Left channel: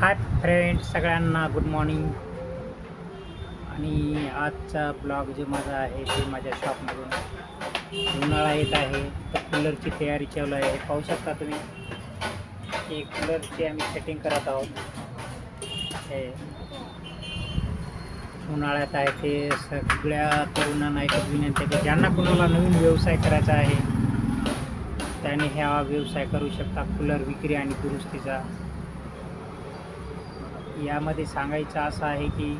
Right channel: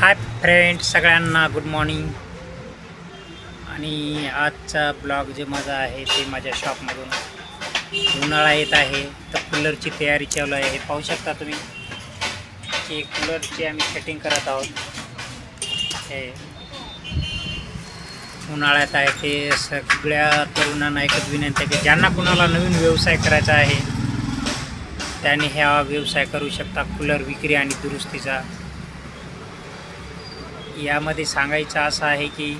Hi friend, सगळ्यांना good morning. आणि आजचा ब्लॉग जे माझा आहे ते माझ्या शॉपमधून. उन्हाळा येत आहे तर कूलरची तयारी चालू आहे. हे पाहू शकता तुम्ही की कूलरची आम्ही सेटिंग करत आहोत. हे उन्हाळ्यात आहे ते सगळ्या तरुणांना एकच विनंती आहे की ज्यांना कुणाला नवीन व्यवसाय करायचा आहे त्याने ह्या व्यवसाय करू शकता, कूलर विक्री आणि दुरुस्तीचा. यामध्ये सांगायचं असं आहे की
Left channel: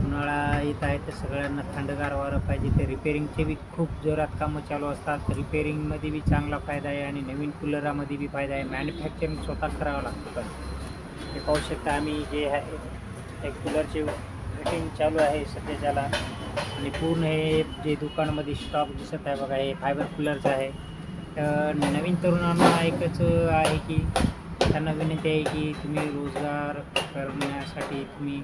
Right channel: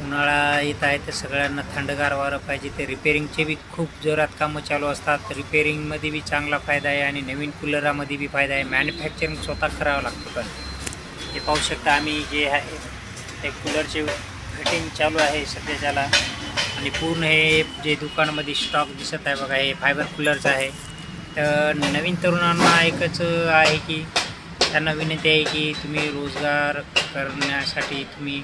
उन्हाळा येत आहे तर सगळ्यांना थंडगार वारं पाहिजे. ते रिपेरिंगचे बी खूप जोरात कामं चालू असतात. रिपेरिंगमध्ये बी चांगला फायदा आहे आणि नवीन कूलरामध्ये बी फायदा आहे. मॅन्युफॅक्चरिंग स्वतः करावं लागतं. पण हे पाहू शकता आम्ही जे आहे ते कूलरचे फिटिंग चालू आहे सध्याच्याला. आणि पूर्ण हे जे दुकानामध्ये स्टॉक दिसत आहे बघा, हे फायबर कूलरचं आहे. तर नवीन तरुणांना एकच आहे की त्यांना विनंती आहे की तुम्ही रोजगार करण्यासाठी तुम्ही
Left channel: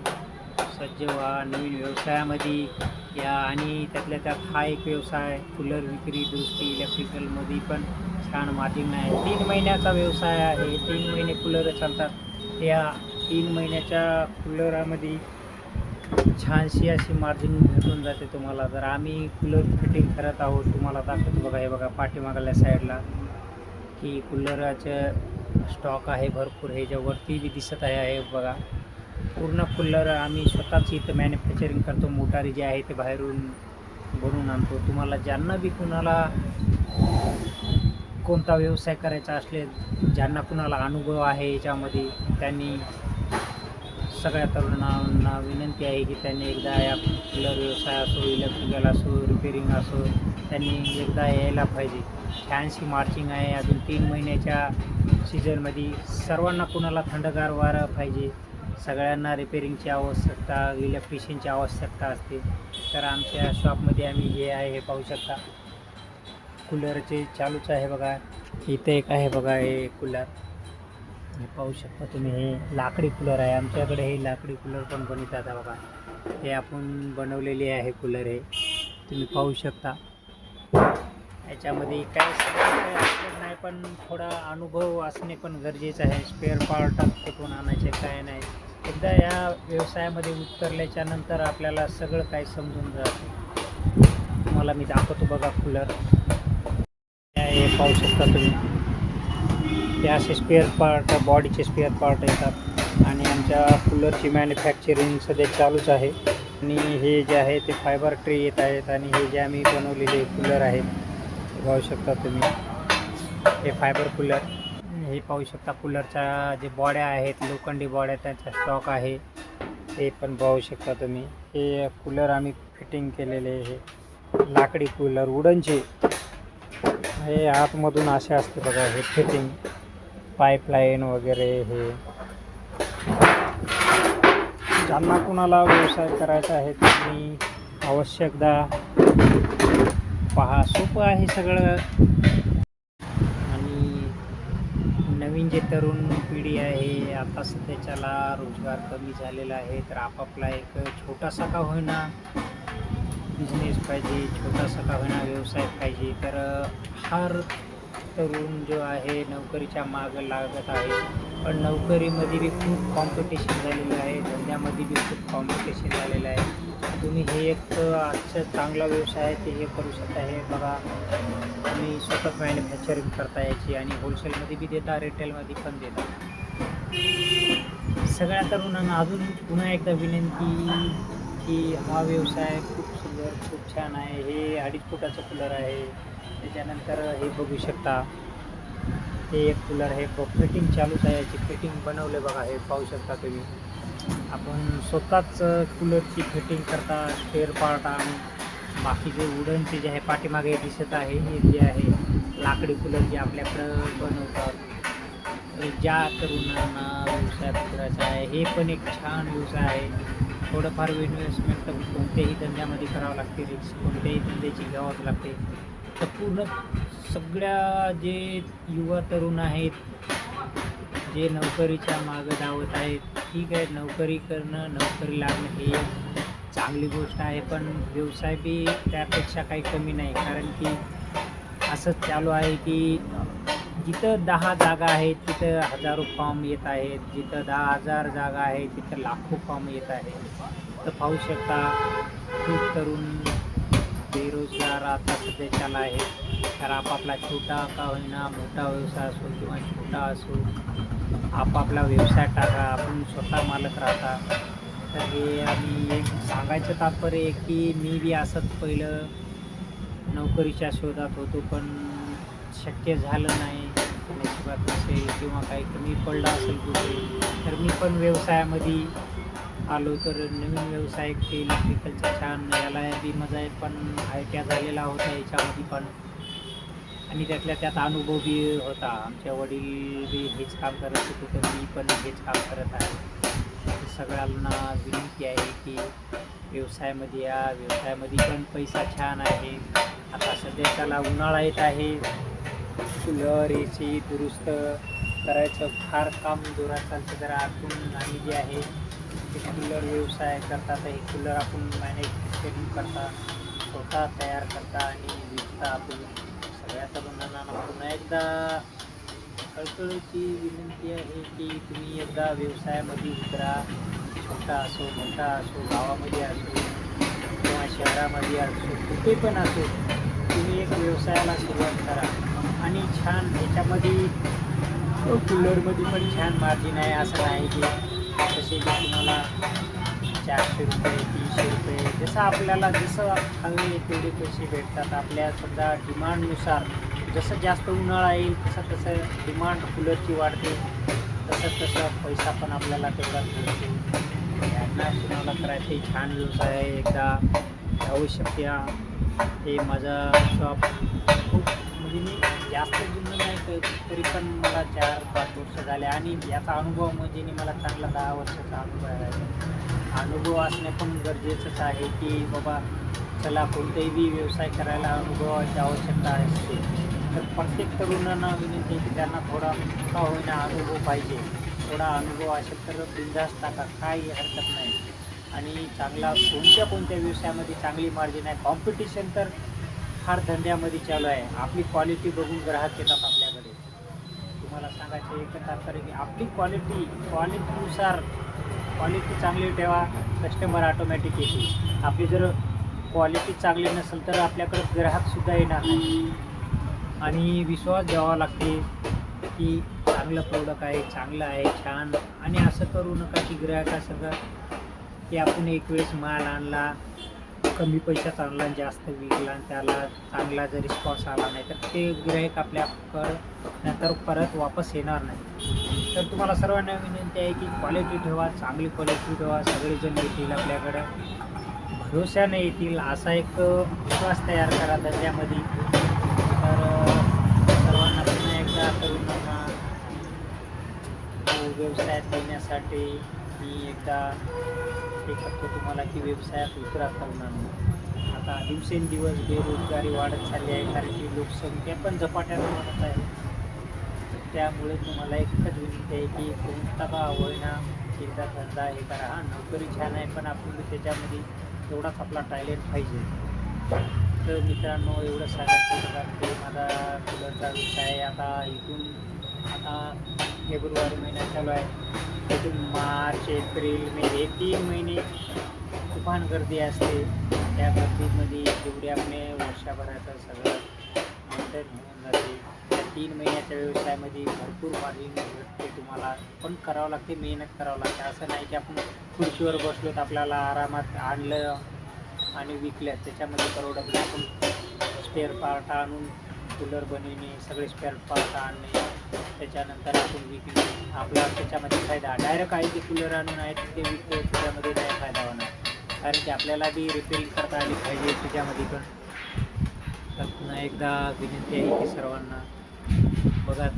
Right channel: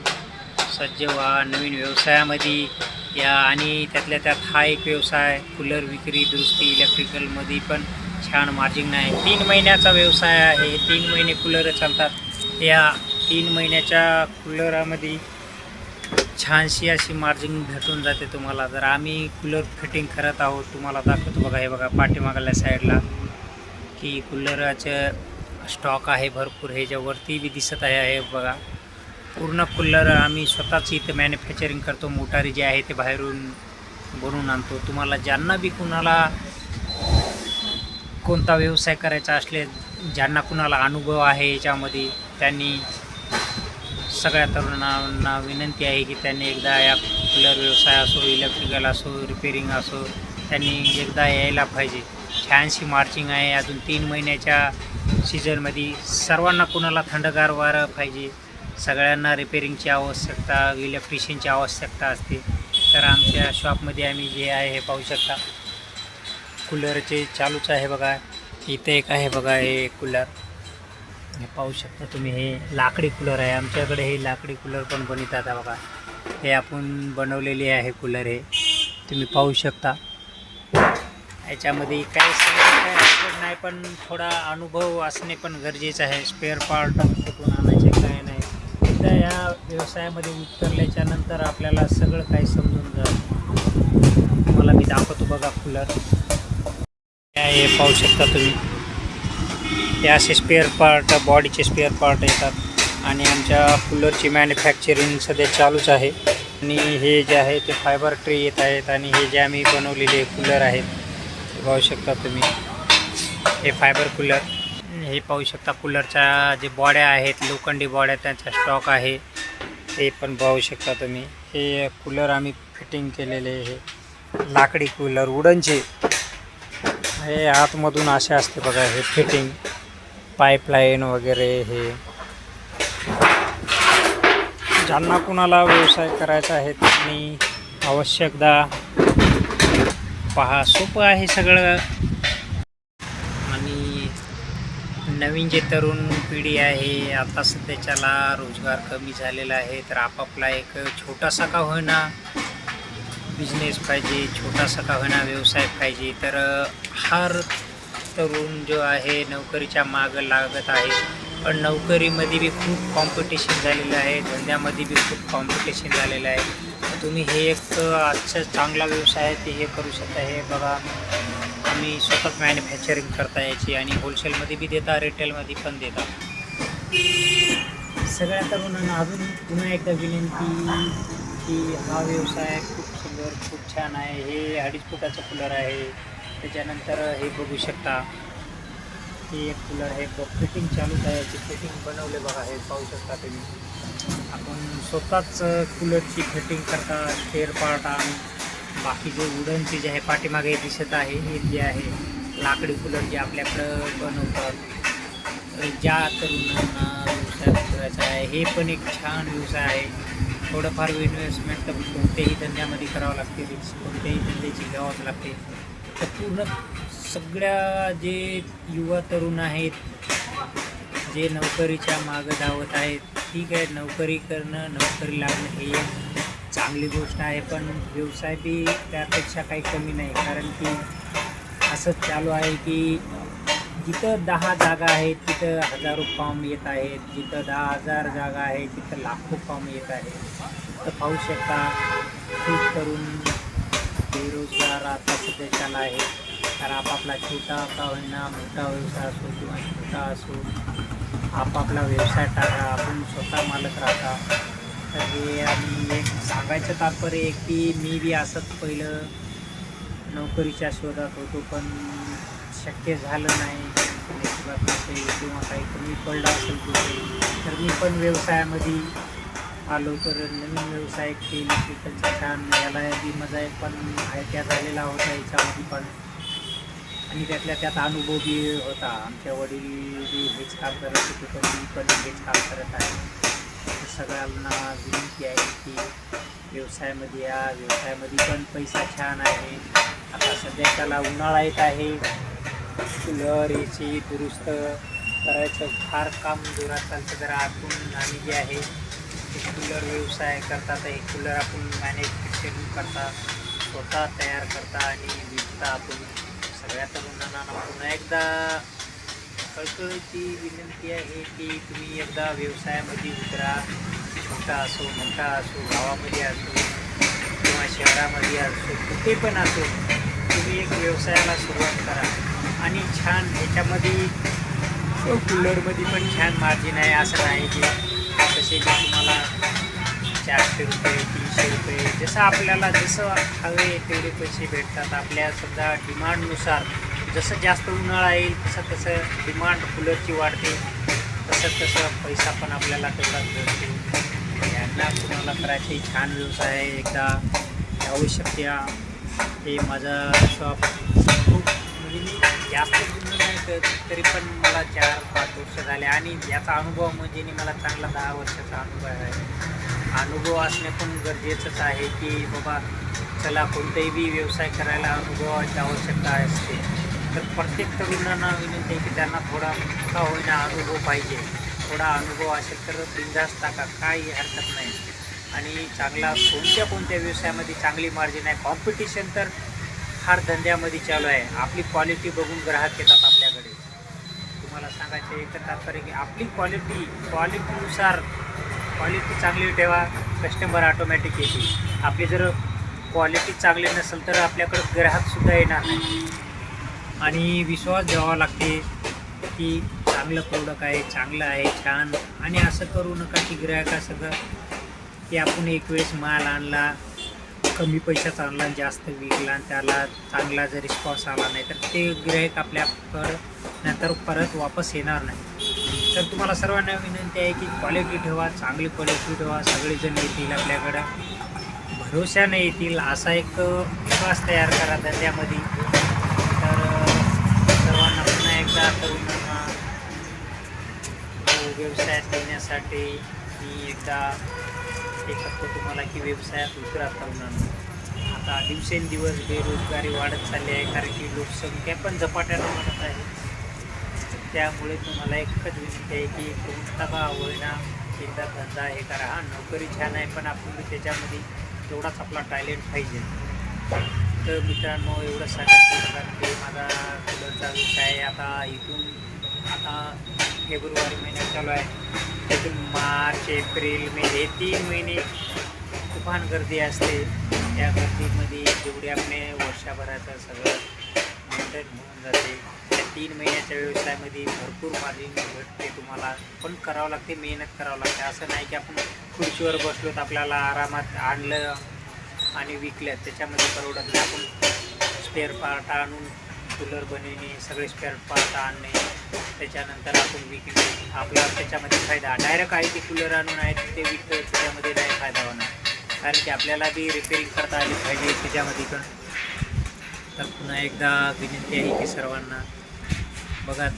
सज्ज व्हा, नवीन व्यवसायामध्ये या. आणि त्यातल्या त्यात हा एक व्यवसाय कूलर विक्री दुरुस्ती इलेक्ट्रिकलमध्ये पण छान मार्जिन आहे. 3 महिन्याचा व्यवसाय आहे. 3 महिने कूलर चालतात. या 3 महिन्याच्या कूलरामध्ये छानशी अशी मार्जिन भेटून जाते तुम्हाला. जर आम्ही कूलर फिटिंग करत आहोत, तुम्हाला दाखवतो बघा. हे बघा पाठीमागल्या साईडला की कूलराचं स्टॉक आहे भरपूर. ह्याच्यावरती बी दिसत आहे बघा. पूर्ण कूलर आम्ही स्वतःच इथं मॅन्युफॅक्चरिंग करतो. मोटारी जे आहे ते बाहेरून बनवून आणतो. तुम्हाला ज्यांना बी कुणाला कोणता व्यवसाय करायचा असले, ज्यांना कुणाला अनुभव आहे याच्यामध्ये, त्यांनी सगळ्या तरुणांना विनंती आहे की त्यांनी एकदा या कूलर व्यवसाय असो, इलेक्ट्रिकल असो, रिपेरिंग असो, त्यांनी एकदा यायला पाहिजे. छानशी मार्जिंग आहे. अजून 3 महिन्याच्या सीझनमध्ये सर्वांना कुणाला थंडगार वारं पाहिजे, सगळ्यांना रिपेरिंगची आवश्यकता, इलेक्ट्रिशियनची आवश्यकता असते. तर आमच्या शॉपमध्ये आम्ही जे आहे हे पाहू शकता कूलरचे चालूच आहे बघा. इथे एक आहे बघा हे कूलर, हे पाहू शकता तुम्ही. हे लाकडी कूलर आहे. आमच्याकडे हे लाकडी कूलर पण बनवतात बघा. हे आपण बनवलेले आहे कूलर. हे तुम्ही पाहू शकता. याच्यामध्ये काही नाही, पण थोडा अनुभव असणे पण गरजेचं आहे. स्पेअर पार्ट कुठून आणायचे काय नाही. एकदा या व्यवसायामध्ये उतरल्याच्या नंतर आपल्याला सगळं काही समजून जातं. तुम्हाला मी दाखवतो बघा कूलर. हे पाहू शकता तुम्ही. हे असे स्पेअर पार्ट, बॉडीचे स्पेअर पार्ट येतात. आणि आमच्या कूलरची मॅन्युफॅक्चरिंग सध्या चालूच आहे. आणि हे जे आहे ते फायबर ट्रे येत आहेत. आणि हे जे आम्ही बनवलेले कूलर आहेत हे पाहू शकता तुम्ही. हे फायबर कूलर. हे पाहू शकता कूलरच्या जे बॉड्या आहेत, लोखंडी बॉड्या, त्यांचा स्टॉक आहे. हे पण पाहू शकता तुम्ही. हे कूलर आम्ही फिटिंग केलेले. हे लाकडी कूलर वुडनचे. हे आतमधून असे असते बघा. हे फिटिंग पाईपलाईन वगैरे. हे ज्यांना कुणाला व्यवसाय करायचा आहे त्यांनी आवश्यकदा पहा. सोपं आहे सगळं. आणि नवीन जे तरुण पिढी आहे आता सध्याच्याला रोजगार कमी झालेला आहे. तर आपापला एक छोटासा का होईना बिझनेस पाहिजे, छोटासा का होईना व्यवसाय पाहिजे. तर हर तरुण जो आहे नोकरीच्या मागं लागत आहे. पण नोकरीमध्ये बी खूप कॉम्पिटिशन झालेलं आहे. धंद्यामध्ये बी खूप कॉम्पिटिशन झालेलं आहे. तुम्ही हे एक आजचं चांगला व्यवसाय आहे ते हे करू शकता. हे बघा आम्ही स्वतःच मॅन्युफॅक्चरिंग करता याची. आणि होलसेलमध्ये बी देता, रिटेलमध्ये पण देता. सगळ्या तरुणांना अजून पुन्हा एकदा विनंती की हा व्यवसाय खूप सुंदर, खूप छान आहे. हे 2.5 फुटाचं कूलर आहे. त्याच्यानंतर हे बघू शकता. हे एक कूलर आहे. फिटिंग चालूच आहे. याची फिटिंग बनवले बघा. हे पाहू शकता तुम्ही. आपण स्वतःच कूलरची फिटिंग करता. स्पेअर पार्ट आणि बाकीचे वुडनचे जे आहे पाठीमागे दिसत आहे हे जे आहे लाकडी कूलर जे आपल्याकडं बनवतात. ज्या तरुणांना व्यवसाय करायचा आहे हे पण एक छान व्यवसाय आहे. थोडंफार इन्व्हेस्टमेंट तर कोणत्याही धंद्यामध्ये करावं लागते. रिस्क कोणत्याही धंद्याची घ्यावंच लागते. तर पूर्ण सगळ्या जे युवा तरुण आहेत जे नोकरीच्या मागं धावत आहेत, ठीक आहे, नोकरी करणं, नोकरी लागणं ही एक चांगली गोष्ट आहे. पण व्यवसाय बी त्यापेक्षा काही कमी नाही. कारण की असंच चालू आहे की जिथं 10 जागा आहेत तिथं हजारो फॉर्म येत आहेत, जिथं 10,000 जागा आहे तिथं लाखो फॉर्म येत आहेत. तर पाहू शकता खूप तरुण बेरोजगार आता सध्याच्याला आहे. तर आपापला छोटा का होईना मोठा व्यवसाय असो किंवा छोटा असो, आपापला व्यवसाय टाका, आपण स्वतः मालक राहता. तर हे आणि एक सांगायचं तात्पर्य आहे की मी बी असंच पहिलं नोकरीच्या शोधात होतो, पण शक्य झालं नाही, नशिबात नसेल किंवा काही कमी पडलं असेल कुठे, तर मी पण व्यवसायामध्ये आलो. तर नवीन व्यवसाय इलेक्ट्रिकलचा छान याला बी माझा एक पण आयडिया झालेला होता याच्यामध्ये पण, आणि त्यातल्या त्यात अनुभव बी होता. आमच्या वडील बी हेच काम करत होते, तर मी पण हेच काम करत आहे. तर सगळ्यांना विनंती आहे की व्यवसायामध्ये या, व्यवसायामध्ये पण पैसा छान आहे. आता सध्याच्याला उन्हाळा येत आहे, कूलर एसी दुरुस्त करायचं फार काम जोरात चालतं. जरा आतून आम्ही जे आहे ते कूलर व्यवसाय करतात. हे कूलर आपण मॅन्युफॅक्चरिंग करता, स्वतः तयार करता आणि विकता. आपण सगळ्या तरुणांना पुन्हा एकदा कळकळीची विनंती आहे की तुम्ही एकदा व्यवसायामध्ये उतरा. छोटा असो मोठा असो, गावामध्ये असो किंवा शहरामध्ये असो, कुठे पण असो, तुम्ही एक व्यवसायाला सुरुवात करा. आणि छान ह्याच्यामध्ये कूलरमध्ये पण छान मार्जिन आहे. असं नाही की तसे जे तुम्हाला 400 रुपये 300 रुपये जसं आपल्याला जसं हवे तेवढे पैसे भेटतात. आपल्या समजा डिमांडनुसार जसं जास्त उन्हाळा येईल तसं तसं डिमांड कूलरची वाढते, तसं पैसा पण आपल्याला तेवढाच भेटतो. यांना कुणाला करायचे छान व्यवसाय आहे, एकदा आवश्यक या. हे माझा शॉप खूप म्हणजे मी जास्त जुनं नाही करत, तरी पण मला 4-5 वर्ष झाले आणि याचा अनुभव म्हणजे मला चांगला 10 वर्षाचा अनुभव आहे. अनुभव असणे पण गरजेचंच आहे की बाबा चला कोणताही बी व्यवसाय करायला अनुभवाची आवश्यकता असते. तर प्रत्येक तरुणांना विनंती आहे की त्यांना थोडा का होईना अनुभव पाहिजे. थोडा अनुभव असेल तर बिनधास्त टाका, काही हरकत नाही. आणि चांगला कोणत्या व्यवसायामध्ये चांगली मार्जिन आहे. कॉम्पिटिशन तर फार धंद्यामध्ये चालू आहे. आपली क्वालिटी बघून ग्राहक येतात आपल्याकडे. तुम्हाला सांगायचं एकच तात्पर्य की आपली क्वालिटीनुसार क्वालिटी चांगली ठेवा, कस्टमर ऑटोमॅटिक येतील. आपली जर क्वालिटी चांगली नसेल तर आपल्याकडं ग्राहकसुद्धा येणार नाही. आणि विश्वास द्यावा लागते की चांगलं प्रोडक्ट आहे, चांगलं आहे, छान. आणि असं करू नका की ग्राहकासंगं की आपण एक वेळेस माल आणला, कमी पैशाचा आणला आणि जास्त विकला आणि त्याला चांगला जर रिस्पॉन्स आला नाही तर ते गिऱ्हाईक आपल्याकडं नंतर परत वापस येणार नाही. तर तुम्हाला सर्वांना विनंती आहे की क्वालिटी ठेवा, चांगली क्वालिटी ठेवा. सगळेजण येतील आपल्याकडं, भरोशाने येतील, असा एक विश्वास तयार करा धंद्यामध्ये. तर सर्वांना पुन्हा एकदा तरुणांना व्यवसायात येण्यासाठी मी एकदा हे करतो तुम्हाला की व्यवसायात उतरा तरुणांना. आता दिवसेंदिवस बेरोजगारी वाढत चालली आहे, कारण की लोकसंख्या पण झपाट्यानं वाढत आहे. त्यामुळे तुम्हाला एकच विनंती आहे की कोणता का होईना एकदा धंदा हे करा. हा नोकरी छान आहे, पण आपण त्याच्यामध्ये तेवढाच आपला टॅलेंट पाहिजे. तर मित्रांनो एवढं सांगायचं होतं की माझा कूलरचा व्यवसाय आहे. आता फेब्रुवारी महिन्यात चालू आहे, त्यातून मार्च एप्रिल मे हे 3 महिने तुफान गर्दी असते. त्या गर्दीमध्ये जेवढे आपले वर्षभराचं सगळं मेंटेन होऊन जाते. त्या 3 महिन्याच्या व्यवसायामध्ये भरपूर मार्जिन भेटते तुम्हाला, पण करावं लागते, मेहनत करावं लागते. असं नाही की आपण खुर्चीवर बसलो तर आपल्याला आरामात आणलं आणि विकल्या त्याच्यामध्ये परवडत नाही. आपण स्पेअर पार्ट आणून कूलर बनविणे, सगळे स्पेअर पार्ट आणणे, त्याच्यानंतर आपण विकणे, आपला त्याच्यामध्ये फायदा. डायरेक्ट आहे ते कूलर आणून आहे ते विकतो त्याच्यामध्ये नाही फायदा होणार, कारण की आपल्याला बी रिपेअरिंग करता आली पाहिजे त्याच्यामध्ये पण. तर पुन्हा एकदा विनंती आहे की सर्वांना बघा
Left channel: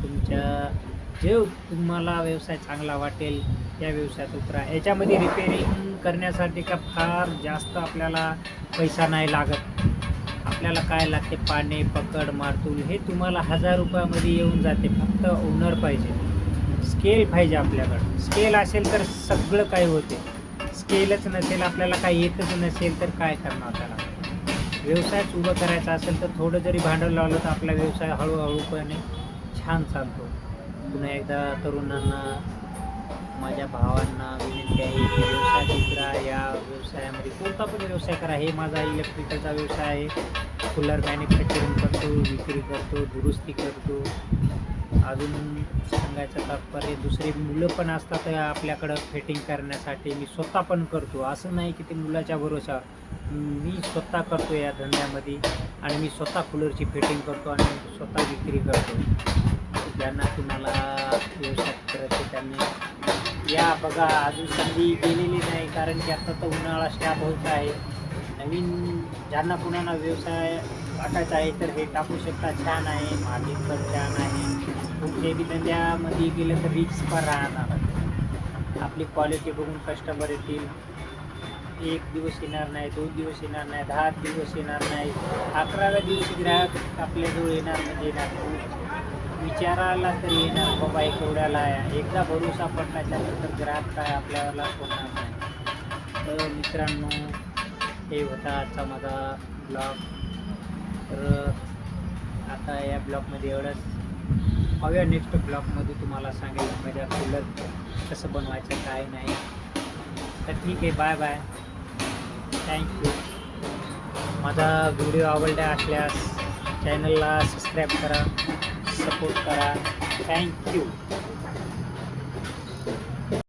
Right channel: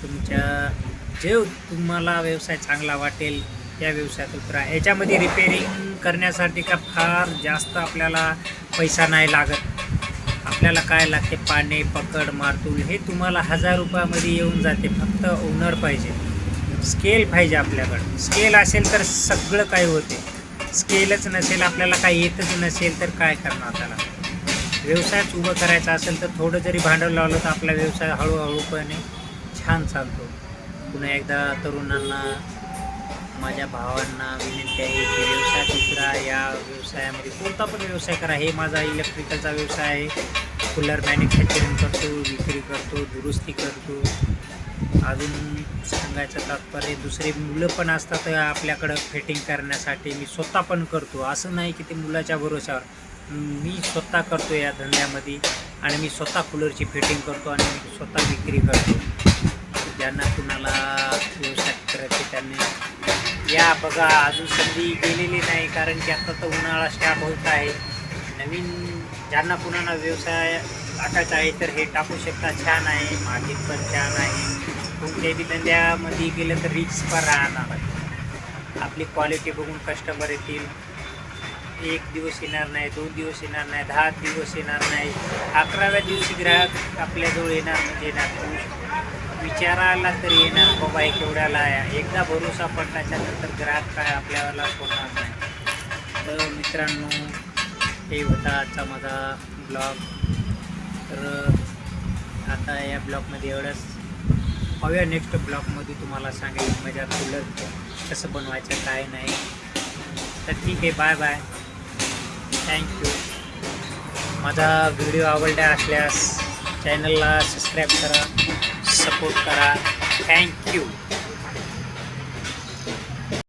जे तुम्हाला व्यवसाय चांगला वाटेल त्या व्यवसायात उतरा. याच्यामध्ये रिपेअरिंग करण्यासाठी का फार जास्त आपल्याला पैसा नाही लागत. आपल्याला काय लागते, पाणी, पकड, मारतूल हे तुम्हाला 1000 रुपयामध्ये येऊन जाते. फक्त ओनर पाहिजे, स्केल पाहिजे आपल्याकडं. स्केल असेल तर सगळं काही होते. स्केलच नसेल, आपल्याला काही येतच नसेल तर काय करणार त्याला. व्यवसायच उभं करायचा असेल तर थोडं जरी भांडवल लावलं तर आपला व्यवसाय हळूहळूपणे छान चालतो. पुन्हा एकदा तरुणांना, माझ्या भावांना विनंती आहे की व्यवसाय दुसरा, या व्यवसायामध्ये कोणता पण व्यवसाय करा. हे माझा इलेक्ट्रिकलचा व्यवसाय आहे. कूलर मॅन्युफॅक्चरिंग करतो, विक्री करतो, दुरुस्ती करतो. अजून सांगायचं तात्पर्य, दुसरे मुलं पण असतात आपल्याकडं फिटिंग करण्यासाठी. मी स्वतः पण करतो, असं नाही की ते मुलाच्या भरोशावर. मी स्वतः करतो या धंद्यामध्ये आणि मी स्वतः कूलरची फिटिंग करतो आणि मी स्वतः विक्री करतो. ज्यांना कुणाला व्यवसाय करायचे त्यांनी या बघा. अजून संधी गेलेली नाही, कारण की आता तर उन्हाळा स्टार्ट होत आहे. नवीन ज्यांना कुणाला व्यवसाय टाकायचा आहे तर हे टाकू शकता. छान आहे, मार्जिन पण छान आहे. कोणत्याही बी धंद्यामध्ये गेलं तर रिस्क पण राहणार आहे. आपली क्वालिटी बघून कस्टमर येतील. 1 दिवस येणार नाही, 2 दिवस येणार नाही, 10 दिवस येणार नाही, 11व्या दिवशी ग्राहक आपल्याजवळ येणार म्हणजे येणार. विचारायला तरी येणार, बाबा हे केवढ्याला आहे. एकदा भरोसा पडल्याच्यानंतर ग्राहक काय आपल्याला सोडणार नाही. तर मित्रांनो, हे होता आजचा माझा ब्लॉग. तर आता या ब्लॉगमध्ये एवढंच. पाहूया नेक्स्ट ब्लॉगमध्ये तुम्हाला सांगेल माझ्या कूलर कसं बनवायचं काय नाही. तर ठीक आहे, बाय बाय, थँक्यू. माझा व्हिडिओ आवडला असल्यास चॅनलला सबस्क्राईब करा, सपोर्ट करा. थँक्यू.